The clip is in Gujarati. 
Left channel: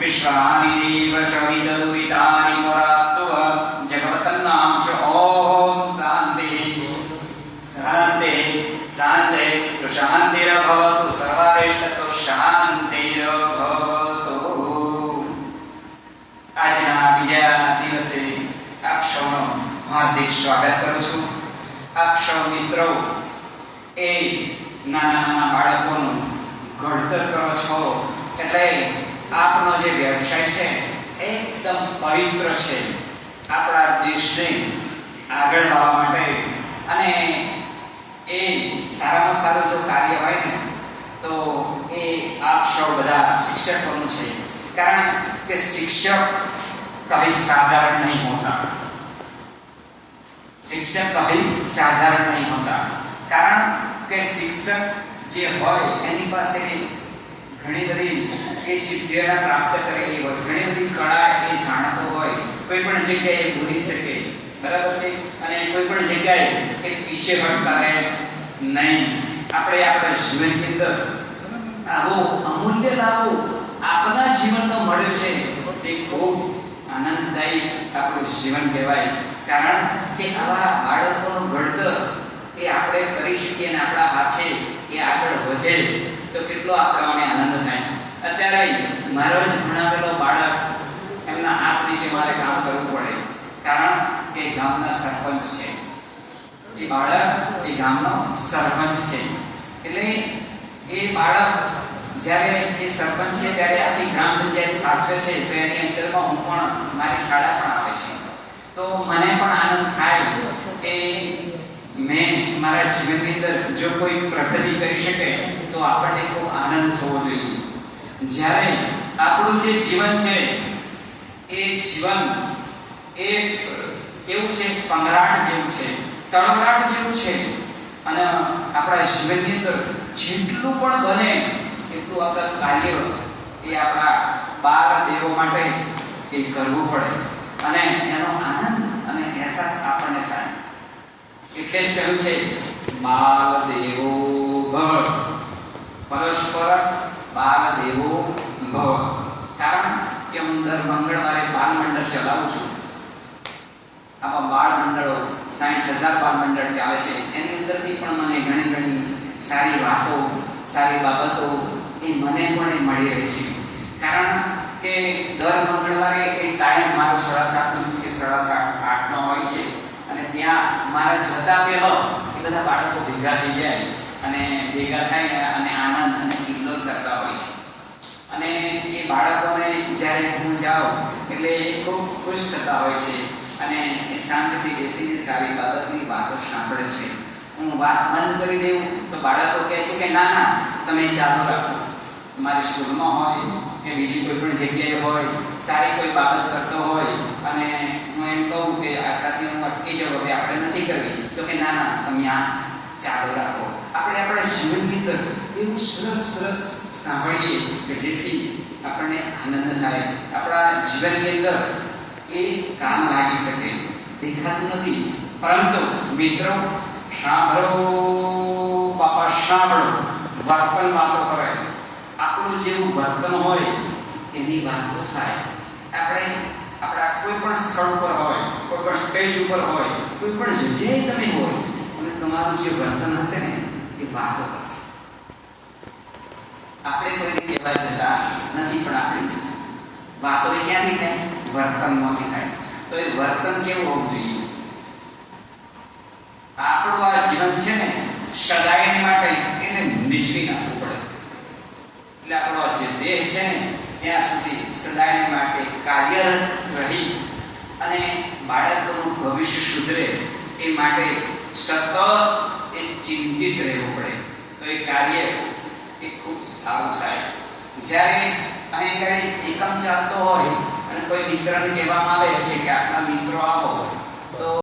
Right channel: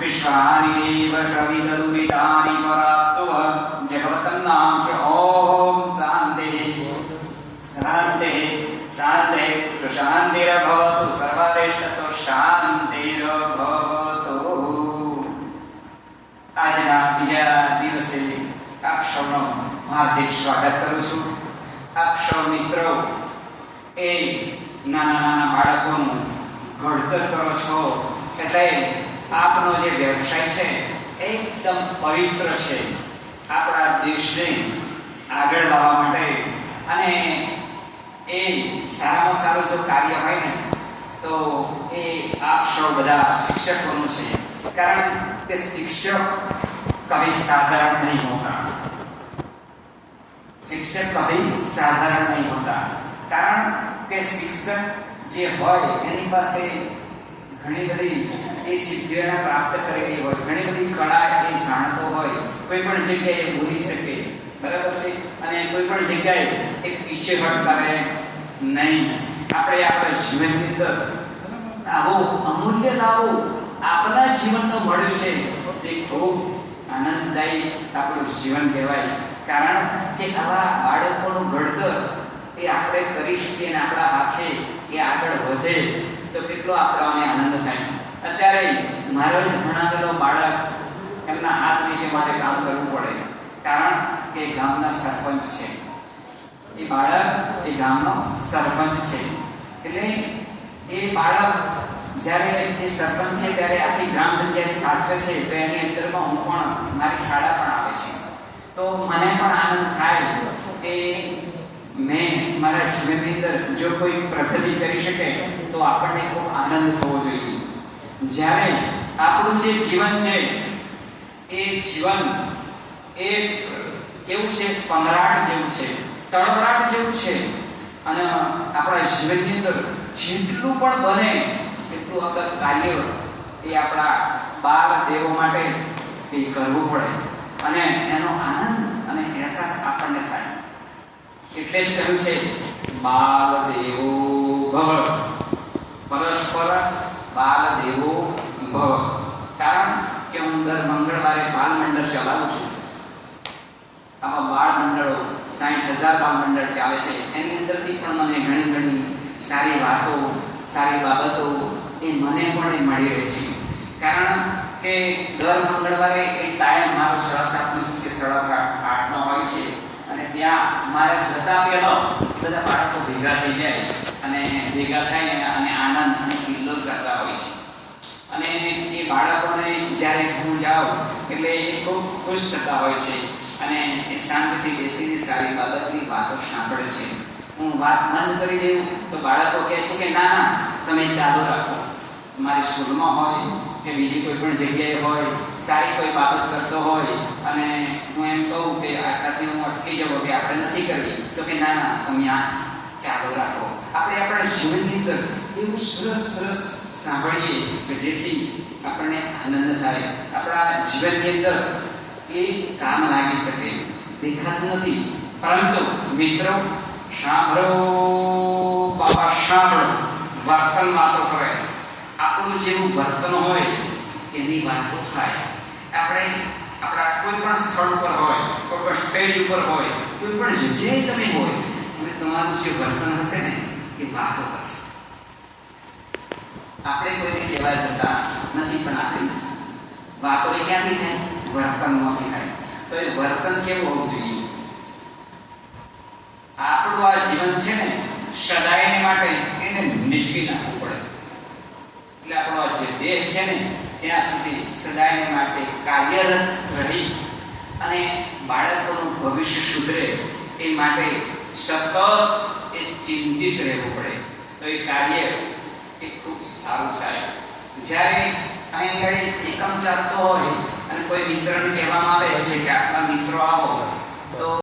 विश्वानि प्रशमितदुरितानि परास्तुव जगवतन्नांश ओम शांति शांति शांति प्रशांतिर्भवतु सर्वारिष्टतो शांतिर्भवतु। આજના બીજા દિવસે આપ સૌનું હાર્દિક સ્વાગત કરું છું। આપ સૌ મિત્રો એ નાના નાના બાળકોનું ઘડતર કરો છો, એટલે આપનો જે વ્યવસાય છે એકદમ પવિત્ર છે। આપણા દેશને આગળ લાવવા માટે અને એ સારામાં સારું જો કાર્ય હોય ને તો એ આપ સૌ બધા શિક્ષકોનું છે। કારણ કે શિક્ષક कभी साधारण नहीं होता, शिक्षक कभी साधारण नहीं होता। कारण के शिक्षक जे होय एनी पासे घणी बधी ए सिद्धिओने प्राप्त करेली होय, घणी बधी कला ए जाणतो होय, कोई पण जग्याए बोली सके, बराबर छे। अने कोई पण जग्याए एक पीछेहट करे नहीं। આપણે આપણા જીવનની અંદર આવો અમૂલ્ય લાવો આપના જીવનનો મળ્યો છે તે ખૂબ આનંદદાયી આપણું જીવન કહેવાય। કારણ કે આવા બાળકોનું ઘડતર એ આપણે કરી શકીએ અને આપણા હાથે એ આગળ વધે તો કેટલો આપણને આનંદ થાય। અત્યારે મારો જ ભણાવેલો બાળક એમના હાથ નીચે મારે કામ કરવું પડે, કારણ કે ગામના સરપંચ છે। એ બાળક એ ગામનો સરપંચ છે, એટલે એ બાળક જ્યારે એ સરપંચ છે ત્યારે આખી ગ્રામ પંચાયત સાચવે છે, તો એની અંદરમાં હું પણ મારી શાળા પણ આવે છે। તો મને પણ આનંદ થાય કે મેં મારા જીવનની અંદર જો કોઈ પ્રગતિ કરી શકે તો આપણને ખૂબ આનંદ થવો જોઈએ। જ્યારે આપણું જે જીવન છે એ જીવન એક કેવું છે, પંગરાટ જેવું છે, તળવાટ જેવું છે। અને આપણા જીવનની અંદર જેટલું પણ બને એટલું આપણા કાર્ય એ આપણા બાળ દેવો માટે એ કરવું પડે અને એનો આનંદ અને અહેસાસ આપણને થાય। એટલે જ કહ્યું છે બાલ દેવો ભવ, પરસ્પર બાલ દેવો ભવ। કારણ કે હું દર મંગળવારે બાળ મંડળ ચલાવું છું। આમાં બાળ મંડળો 60,000 બાળ મંડળ ચાલે છે। એની અંદરથી પણ મને ઘણી ઘણી સારી વાતો, સારી બાબતો એ મને પણ એ મળી રહે છે। કારણ કે દર મંગળવારે એ ટાઈમ મારો 7:30 થી 8:30 હોય છે અને ત્યાં મારા જતા પહેલા એ બધા બાળકો ભેગા થઈ જાય અને ભેગા થાય અને આનંદ અને કિલ્લોલ કરતા હોય છે। અને એ બાળકોને જ્યારે હું જાઉં એટલે એ ખૂબ ખુશ થતા હોય છે અને એ શાંતિથી બેસીને સારી બાબતની વાતો સાંભળે છે। હું વાત બંધ કરી દઉં તો બાળકો કહે છે કે ના ના તમે ચાલુ રાખો। મારી સ્કૂલમાં હોય કે બીજી કોઈ પણ જગ્યાએ હોય, સારી કોઈ બાબત કરતો હોય અને હું એમ કહું કે આટલાથી હું અટકી જાઉં કે આપણે નથી કરવી, તો કે ના ના તમે આ ચાલુ રાખો। આપણે આપણા જીવનની અંદર એવું સરસ સરસ સાંભળીએ કે જેથી આપણને આનંદ થાય, આપણા જીવનની અંદર એ કામ લાગી શકે। દેખાતું નથી પરંતુ મિત્રો સાંભળો, બાપા સાંભળો, વર્તન વાતો કરે। આપણું જેવું વર્તન હોય એની વાતો થાય। આપણે આપણા કોઈ પણ સ્થળ પર હોય, કોઈ પણ સ્ટેજ ઉપર હોય, કોઈ પણ જગ્યાએ તમે હોય અને તમારું જે વર્તન હશે ને એ વાતો કરશે। આપણે કોઈને કહેવા જતા નથી પણ આપણી વાતો એ ક્યાંથી થાય? વર્તનમાંથી થાય। તો એ વર્તન કેવું હોવું જોઈએ? આપણું આ જીવન છે ને સદાય માટે એને નિશ્ચિત રાખવું પડે। એટલે આપણો જે દેશ છે ને ત્યાં સુધી સદાય માટે કાર્યરત રહી અને બાળકોનું ભવિષ્ય સુધરે એ માટે સતત એ ચિંતિત રહેવું પડે તો એ કાર્ય એ ખૂબ સારું થાય। જ્યારે અહીં આગળ એકમ ચાલતો હોય અને કોઈ મિત્રને કહેવામાં આવે છે કે આટલા મિત્રો આવો